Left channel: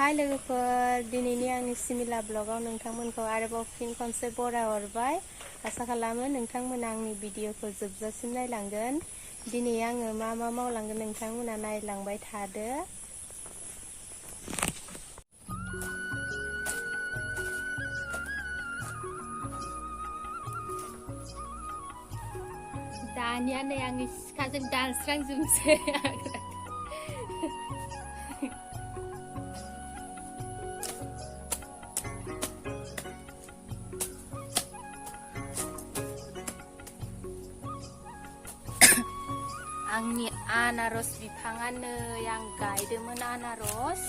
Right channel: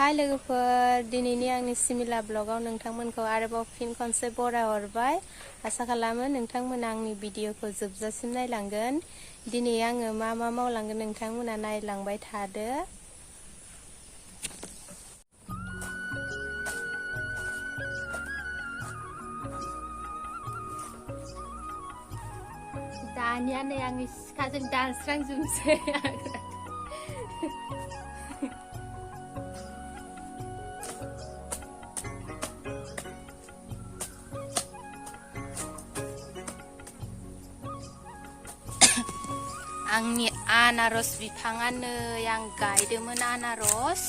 हाय लोगोफोर दिनैनि आंनि सिमिला ब्लगाव नोंथांमोनखौ आरोबाव फिन खनसे बरायहरबाय आसा खालामो नोंथांमोना आंनि भिडिअखौ जोबजासिम नायलांगोन दिनै आङो मा मावलांगोन नोंथांमोना नायलांबाय थादो दानिया नै आंनि सिखाजों दानस्रांजोबनोसै आंनि आनारस बिफाङा नै आं गायदोंमोन आनारस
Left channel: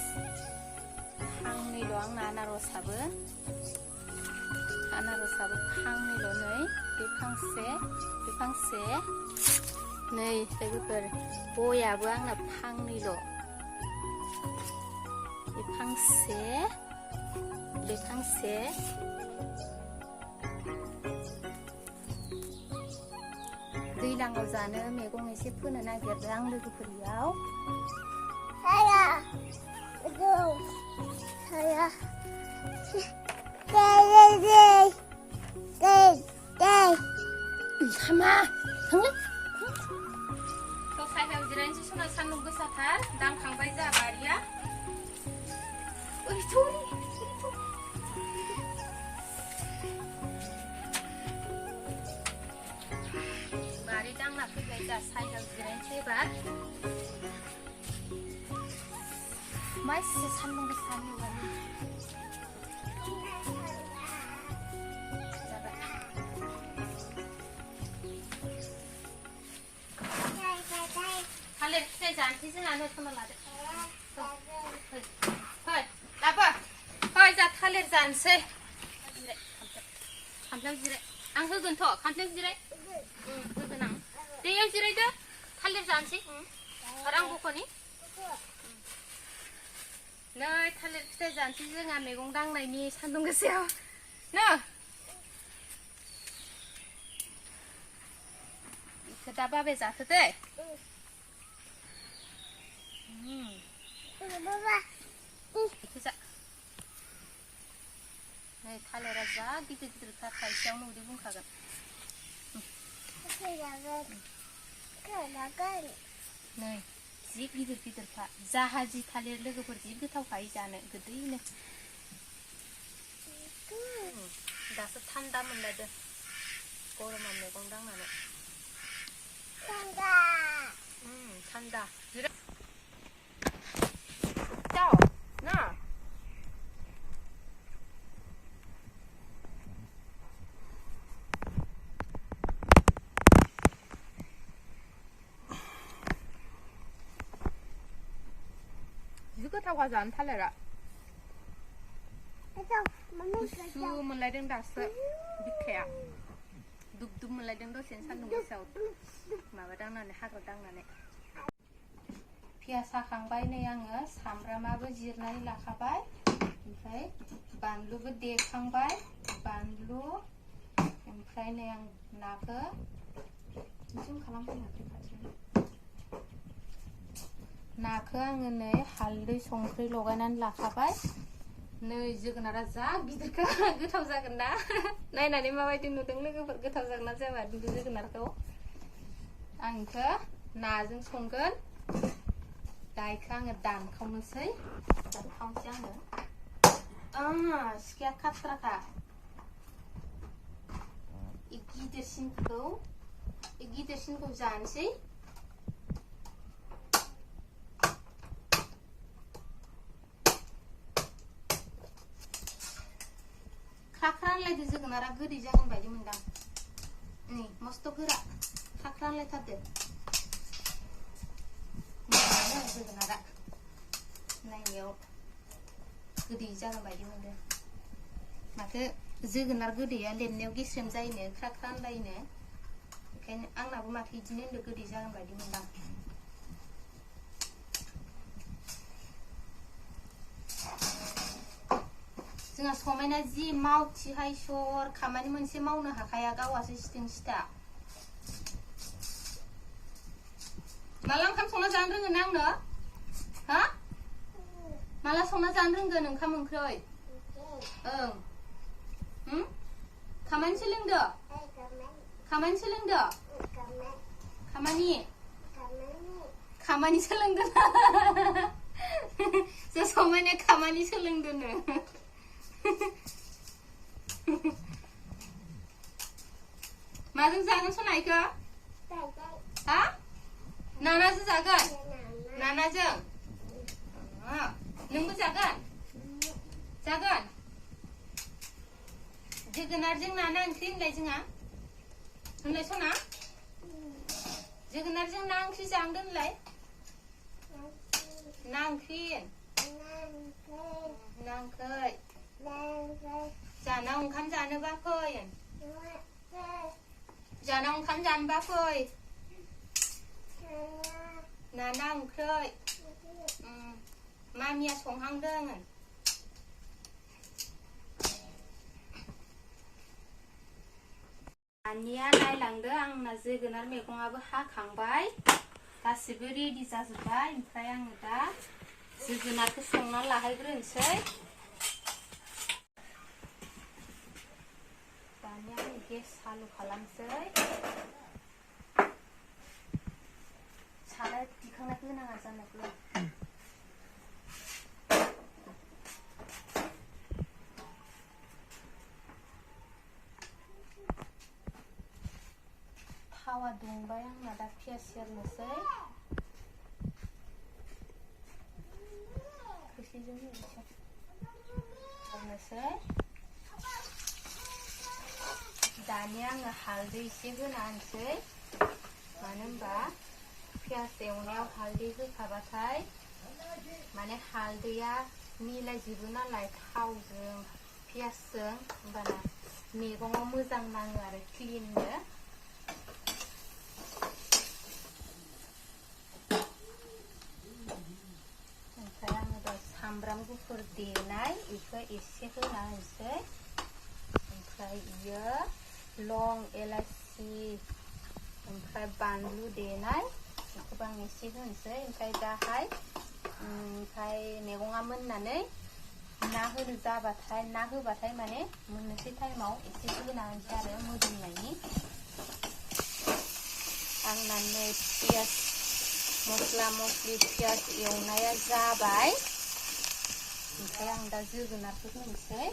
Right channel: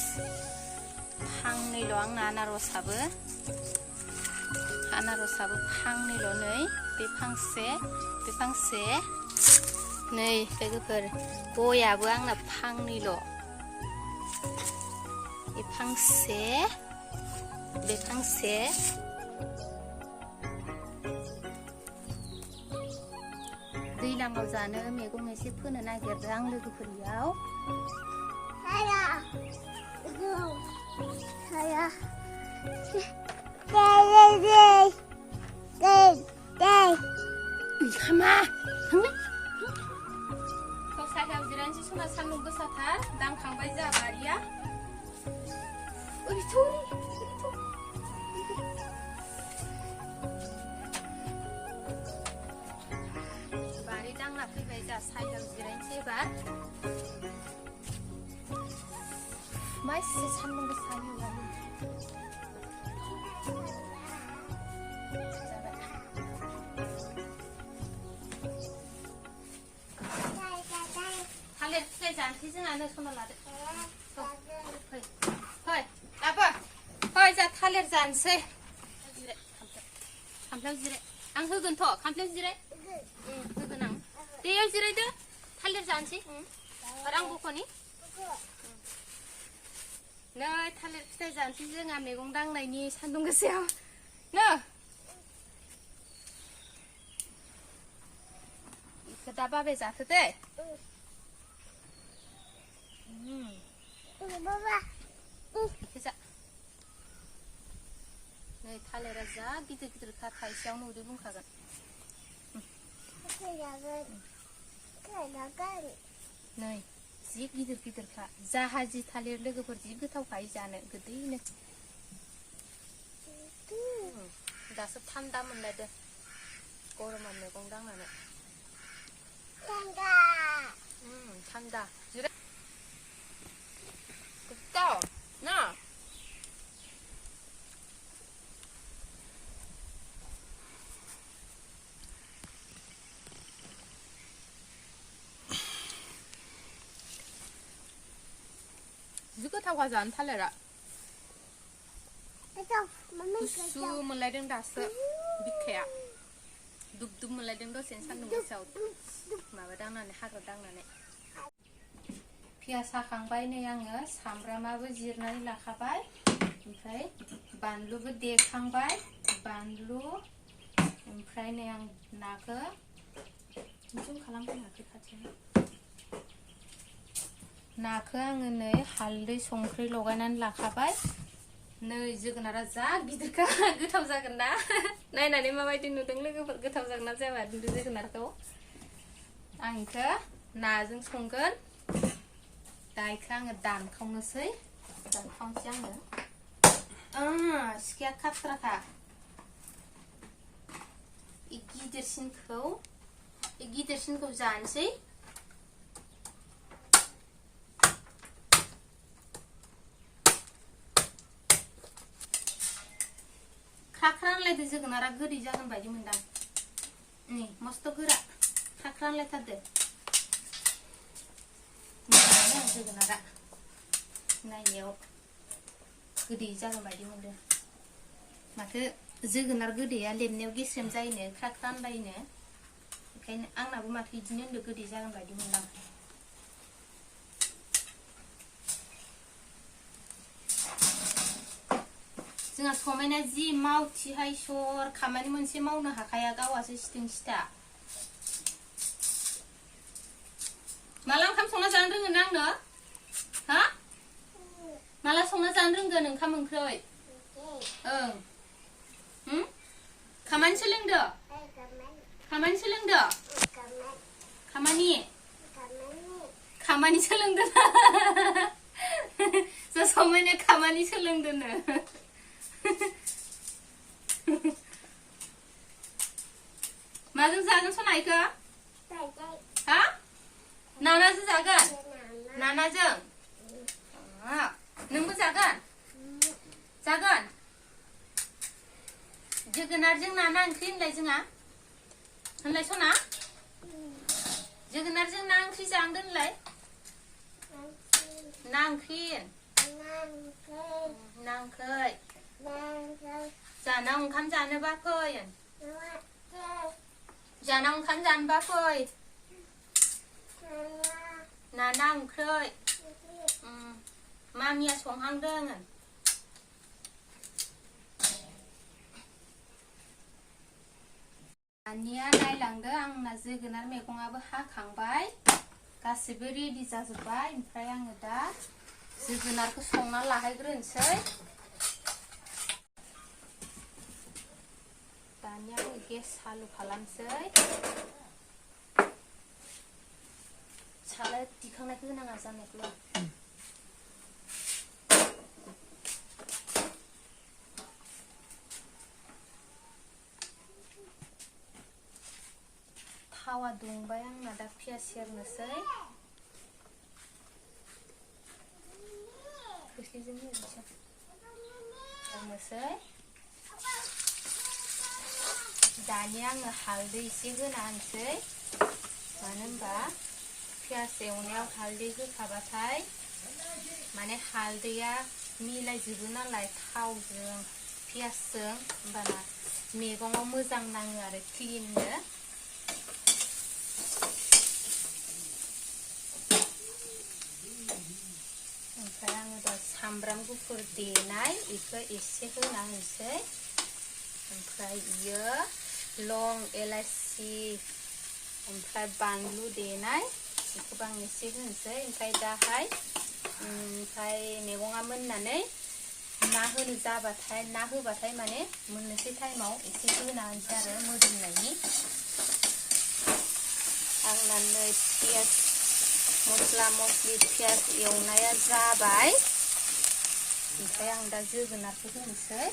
फांनैल' आंना आनारसाबो फांनैल' नै बे फांसे नै लोगोफोर गयाबो आंना फांनैल' बे फांसे दैलांआव जानो मैगं एसे फोनो नागिरदों आं लोगोफोरनियाव साइदाव जिरायनोसै सना सान्दुं गोसाथार दांखांबाय जा बारिया बारि दांना फैबाय जा साइदाव जिरायनोसै एबार मा एसे सान्दुं गोसा थालिर फिथाइ जानोसै जोंहानो सना लादो फै लाबो फै जा थालिर जानोसै खामफ्लायाव जिराय आं होगोनथ' खामफ्लायाव जिराय होगोन आं दैयाव जिरायदो थालिर जानोसै आं बख'नि नै थालिर फिथाइ जानोसै जोंहा मैगं दांनायनि सान्दुं गोसायाव नो बेखौ दा बाबाय जाथो दे नै थालिरा जा गिदिर थाइसेयावनो उदै बुंखागोन नै जि गिदिरखा जाहाजि थालिर लोगोफोर जि गोथावखाय जानो गोदैनो दासो थान्दा मोनलायदो गरमाव मैगं दांनानै थान्दा ना जि गोथावखा जानो थालिरा गुसु मोनलायदों दासो बिखाया दुब मोनलायदों दसेनो सान्दुं गोसायाव माबा दांनानै हाग्रा दांनानै पियास हाखांबाय नै आङो सामब्रामाबो जिरनानै लाखाबाय ओमफ्राय बानलुबो देखांबाय बानलु ओमफ्राय नै आं नाखौ जुम खालामबाय नाखौ आङो नै हालदै संख्रि लगायनानै लाखाबाय नै जोगोनारा जा गिदिरखा गोथाव जागोन ना नायनानै माबायदि नुदों लोगोफोर गोथाव जागोन ना जाया जोगोनारखौ आं इखौ नाजों संगोन दा इखौ आङो दानखावनोसै आङो सिखाया खाथ्राखा गिदिरसिनखौ जानोसै खाख्रानलायदो जोगोनारा गोदै जागोन बायदि मोनदां नै मस्त गोरा खाख्रानलायथारदो मोजाङै जोगोनारा नायनायाव गोदै जागोन बायदि मोनदों माथो जोगोनार गोदैया लेमनायाव गेस्रेम जायोनो खाख्रानलायनो बेखायनो आंनाबो माथो बिदिनो होनदो गोदै जागोन बायदि मोनदां जोंहा समायना जि मावथिहाय सर खामानि मोनसे मावनो हाखाया गावासो सिथिं सिथा माला ओंखाम संना जानो रोङो ना आंनो हा माला संना जानो रोंगोन ओंखाम ओंख्रै ओं खामानि सोलोंदो खामानि सोलोंदो खामानि सोलोंदो जो समायना खामानि सोलोंदोनो माजों जागोन सनायखौ हा नानाजों जागोन नानाजों नोंबो जागोन जागोन जोगोनारजों नाना ओंख्रि होनलाय जोंहा होनलाय सना जोगोनारजों ना ओंख्रि जांदो होनलाय ना ओंख्रि ना ओंख्रै जानाव ओंखाम जानोबा फै जानाव ओंखाम जानोबा फै नाना ओंख्रै मामिया संहांदों दानिया नायलांदो आंना जोगोनार मैगंआबो हाखांबाय गासिबो रेडि जाजोब्बाय ओमफ्राय आङो दा जोगोनारखौ संना लाहैग्रोनोसै दानिया आङो गेस चालु खालामसै साराय दिखांनायखौ होनाङा जानायखौ थावा दुंबाय आंना दा पियास सेरनोसै खोस्लिजों सेरनोसै दानिया आङो हालदै एसे होना होनोसै मानो होनबा पियास एवनायाव हालदै होखाबाथाय माने हालदैया मिलायजोबो नालाय थावजों पियासजों होमबाना मैगङाव मोजां नाङो आरो क्लिननो ओमफ्राय आङो दा सामब्राम गुफुर देनाय बेखौ एसे होना होनोसै ओमफ्राय बियो लं एलाइचि ओमफ्राय बानलु देनाय बेखौबो आं एसे होनोसै ओमफ्राय दाहाय ओमफ्राय मैगङा मोननानै ना होनो जाबाथाय ना होबाथाय माने मोननोसै टाइमाव एसे होना होनोसै आरो मोदोमनायनि आंना नै पियास मस्ला मस्लि पियास एवनाया जाबाय ओमफ्राय आं दा जोगोनारखौ होनोसै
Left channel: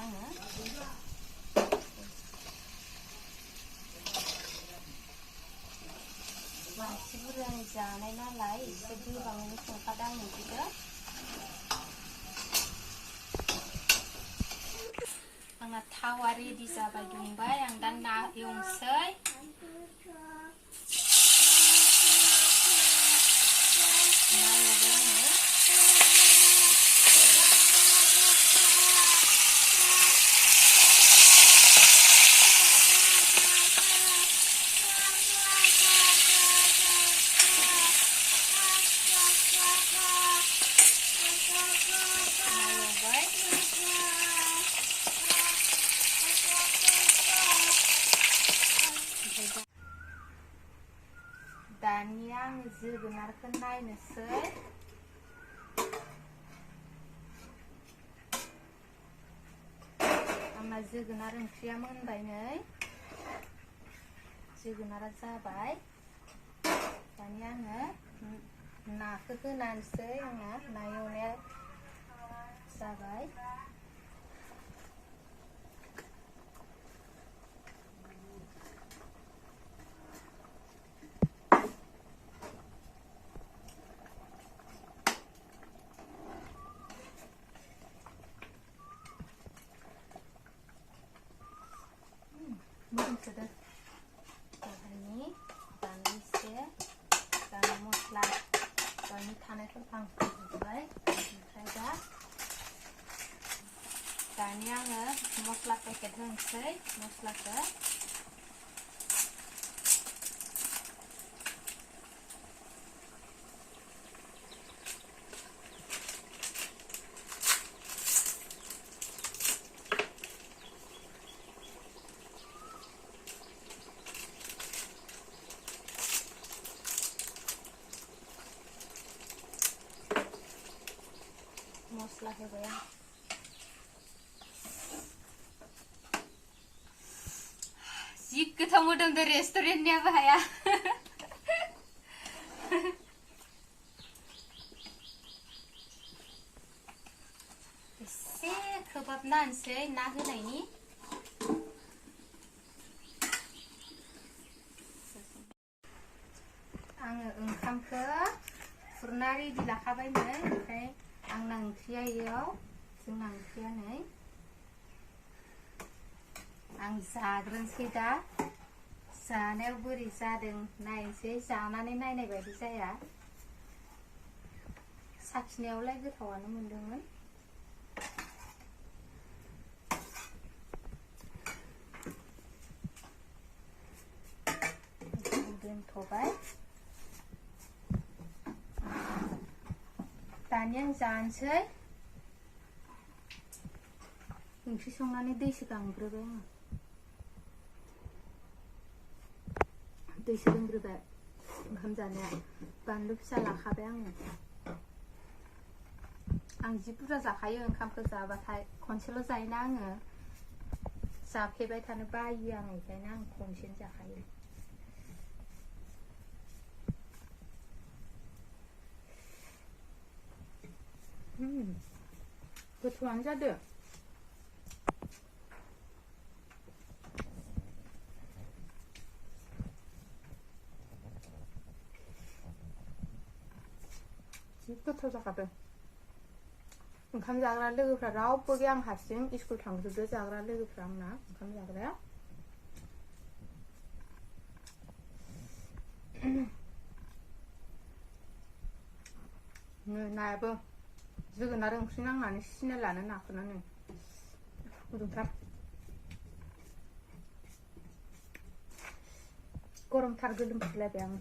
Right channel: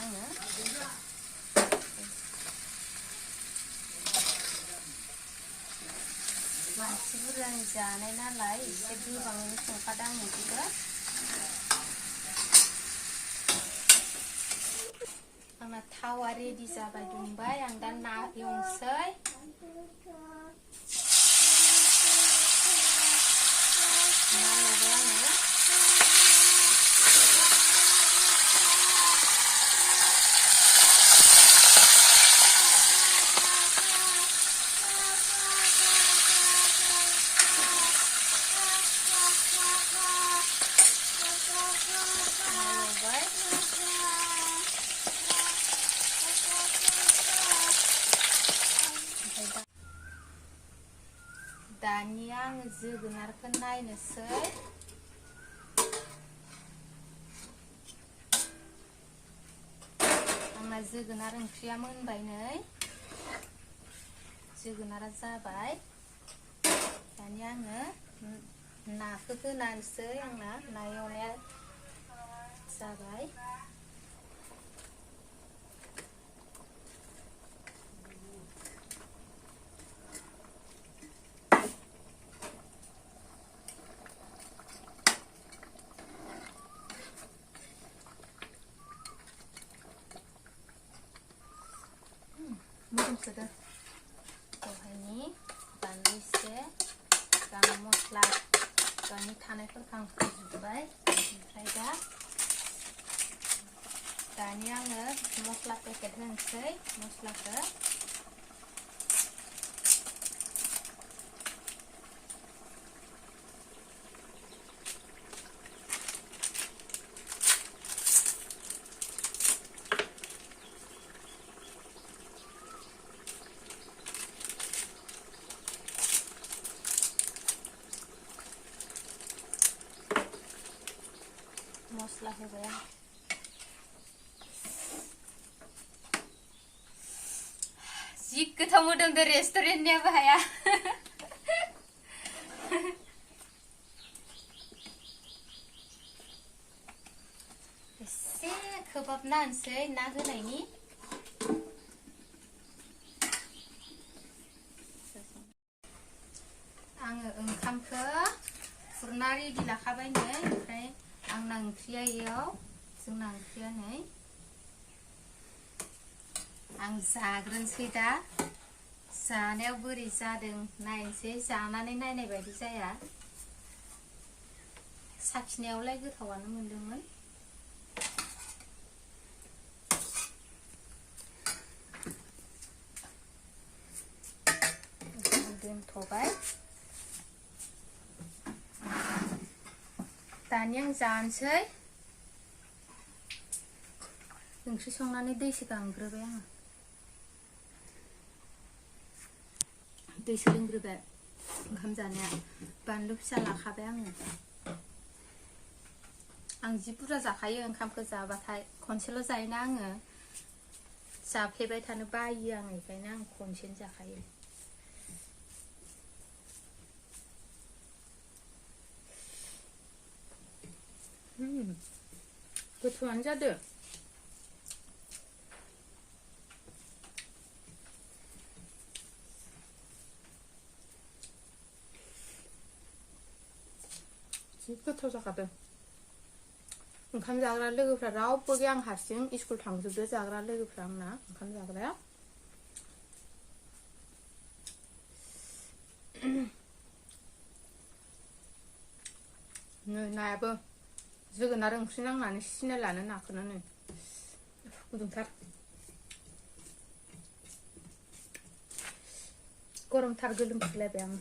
आङो मानसि बुरजानि जानाय नालाय एसे गोबाङैनो संखादों आं बिदिखौ आंना थावा रेडि जाबाय दुंबाय आं दा ना एवनोसै दानिया आङो जोगोनारखौ नायनोसै आंना जोगोनार ओंख्रिया मोनबाय नै जोगोनारा जाबाय दानिया आङो नाखौ होनानैसै आंना ना एवनाया जाबाय मोदोमसोदों दहायनि बानलु एसे गाम मस्ला दहायनि थानायफोरखौ आं होजोबबाय ओमफ्राय दानिया आङो मस्ला पेकेट होनोसै मस्लाखौ मस्ला होबाय आं जि गोथाव मोदोमदो रेस्टुरेन्टनियाबो हाया एसे खोबहाबना होनोसै ना होनायनि आङो ओंखामखौ खुरना रेडि लाखाबाय नै ओमफ्राय आंना ओंख्रिया इयाव जोंना ओंख्रिया नै आं जाग्रोनोसै दा जानायाव बोरै जादों नायनोसै जानानै नायनाय बायदि जाया साखिनायावलाय गोथावानो मोनदोंमोन दोनथ'बाय दानिया आं जानोसै ओंख्रि संनानै दैसो गांग्रोबाय आङो दैसो लोंग्रोबाय ओंखाम जानाया बानलु फिसा लाखाबाय आङो आं जि बुरजा जाखायो ओंखामखौ जाबाथाय खनसेल' जायोना आङो जाफ्लेबाय थानो बायो आं बेखायनो आं खनसेनो जाखायो गोथावानो जादों जि गोथाव जाखादों ओंखाम जाग्रा लोगोफ्रा रावबो गैया आं हारसिं स्कुल थांजोबदो जाग्रा लोगोफ्रा आंना ओंखाम जाग्राया नै नायाबो जोगोनार ओंख्रि नांनानै सिनायलानो नाखौनो नै गुदुंथार गरमथार गोलोमफुलायबाय आं